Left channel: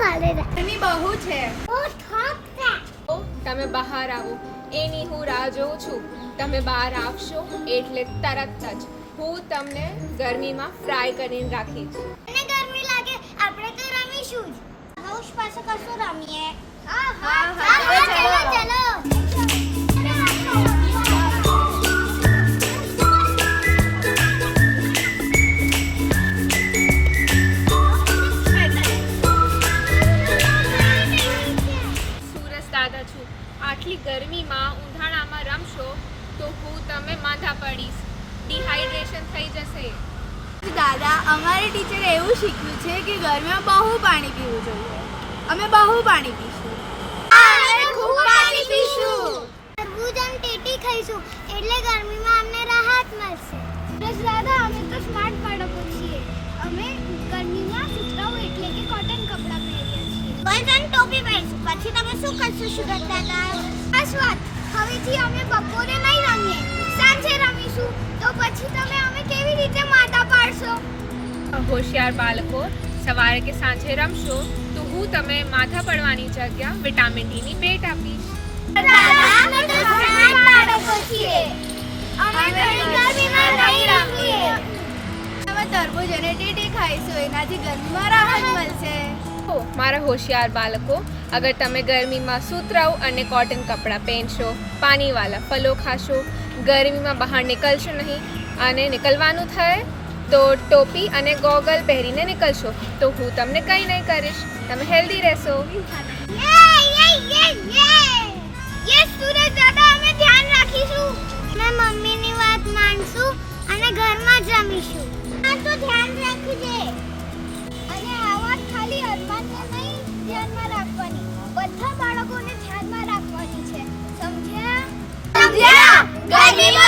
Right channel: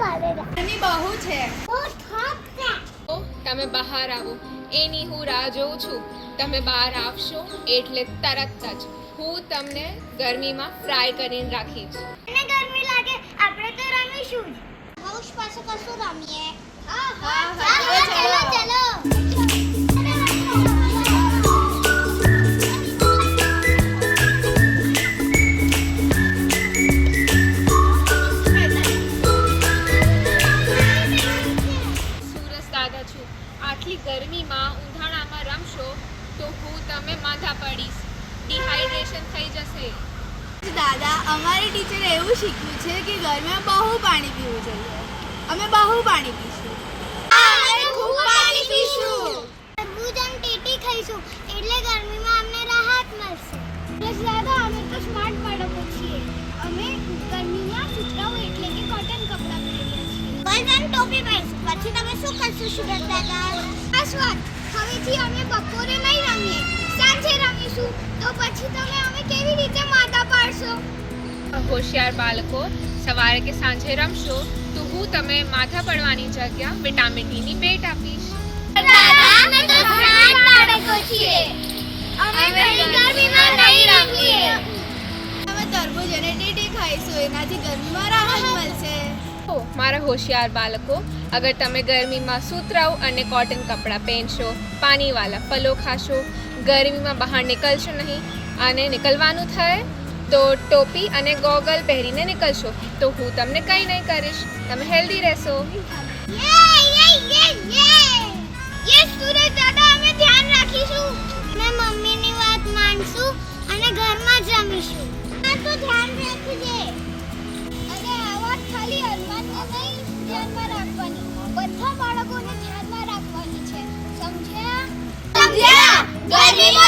ગરમી બહુ છે. તો તમે બહાર આવો એની હું રાહ જોઉં છું. તમે બહાર આવશો એટલે તરત જ હું તમને ગરમીમાં ફ્રાય કરીને રાખીશ. અને ગરમી લાગે આપણે તો રમીશું જ. હાઉસ પાસે કશું રમીએ. હા, ચલો. સુરજ દાદા છું. આટલી ગરમીમાં ઉંધાણામાં રમશો તો હું તમે માથા પડીશ. ડિહાઇડ્રેશન થઈ જશે. દાદા, અમારે ટીચરે એવું શીખ્યું છે કે ગરમીમાં બહુ પાણી પીવું જોઈએ. અમે બહુ પાણી પીશું. અમે ખૂબ પાણી પીશું. તરબૂચ અને ટેટી ખાઈશું એટલે ગરમીમાં અમને રાહત મળશે. બસ દાદા, અમે તો સ્માર્ટ બાળકો છીએ. અમે ગરમીમાં સૂતરાઓ એટલે કે કોટન કપડાં પહેરીએ છીએ. બસ અને ટોપી પહેરીશું. પછી તમે શું કરશો સુરજ દાદા? બસ વાત. હવેથી અમે બપોરે નહીં રમીએ, સાંજે રમીશું. તો પછી તમે અમે કેવી રીતે માથા પાડશો? હોશિયાર બાળકો, સવારે કે સાંજે રમશો તો હું તમે માથા પડવાની જગ્યા વિટામિન ડી ની ભેટ આપીશ. દાદા, અમે તો સ્માર્ટ બાળકો છીએ. અમે ગરમીમાં નહીં રમીએ. અમે તરબૂચ અને ટેટી ખાઈશું. એનાથી ગરમીમાં રાહત મળશે. ઓ મારા હોશિયાર બાળકો, અગર તમે ગરમીમાં સૂતરાઉ અને કોટન કપડાં પહેરશો, પાણીવાળા ફલો ખાશો, ગરમીમાં બહાર નીકળશો નહીં અને નીકળવાનું થાય તો ટોપી અને ગોગલ પહેરીને નીકળશો તો હું તમને કંઈ નહીં કરીશ. તમે હેલ્ધી રહેશો. યસ સુરજ દાદા, અમે ધ્યાન રાખીશું. અમે મમ્મીની વાત માનશું અને ઘરમાં જ રમીશું. હા, તો ધ્યાન રાખજે. અને આ વાત ખાલી અરમાનને નહીં ધ્યાનમાં રાખવાની, બધા બાળકોને ધ્યાનમાં રાખવાની છે. સમજ્યા? ગરમીમાં